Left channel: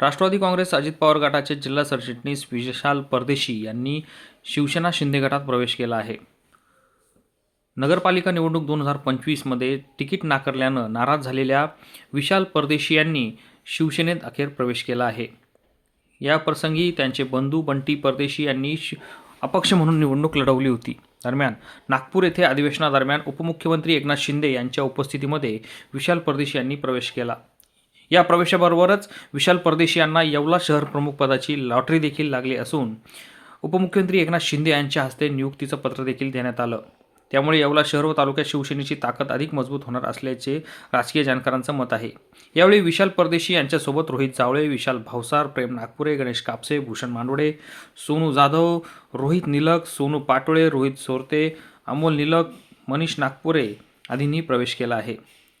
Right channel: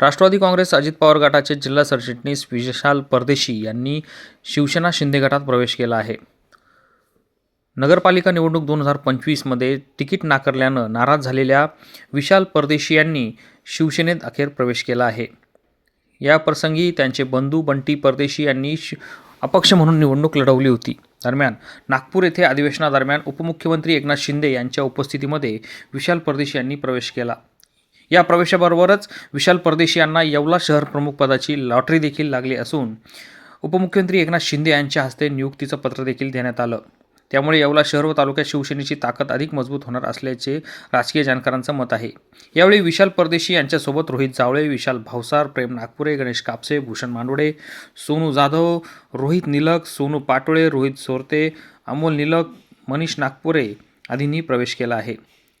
राष्ट्रवादी काँग्रेस अजित पवार गटाचे जिल्हा सरचिटणीस विशाल परदेशी यांनी शिवसेना शिंदे गटात प्रवेश केला आहे. नगरपालिका निवडणूक दोन हजार पंचवीसमध्ये तिकीट नाकारल्यानं नाराज झालेल्या विशाल परदेशी यांनी शिवसेनेत अखेर प्रवेश केला आहे. या प्रसंगी त्यांचे बंधू बंटी परदेशी यांनी शि अपक्ष म्हणून निवडणूक लढवली होती. दरम्यान नागपूर येथे अधिवेशनादरम्यान उपमुख्यमंत्री एकनाथ शिंदे यांच्या उपस्थितीमध्ये विशाल परदेशी यांनी प्रवेश केला. या प्रवेशाबरोबरच विशाल परदेशी यांना येवला शहर प्रमुख पदाची लॉटरी देखील लागली असून उपमुख्यमंत्री एकनाथ शिंदे यांच्या हस्ते नियुक्तीचं पत्र देखील देण्यात आलं. त्यामुळे येवला शहर व तालुक्यात शिवसेनेची ताकद अधिक मजबूत होणार असल्याचे राजकीय जाणकारांचं मत आहे. यावेळी विशाल परदेशी यांच्यासोबत रोहित जावळे विशाल भावसार प्रेम नागपुरे गणेश कापसे भूषण मांडोडे सोनू जाधव रोहित निलक सोनू पाटोळे रोहित सोरते अमोल निलक मनीष नागपुरे आदींनी प्रवेश केला आहे.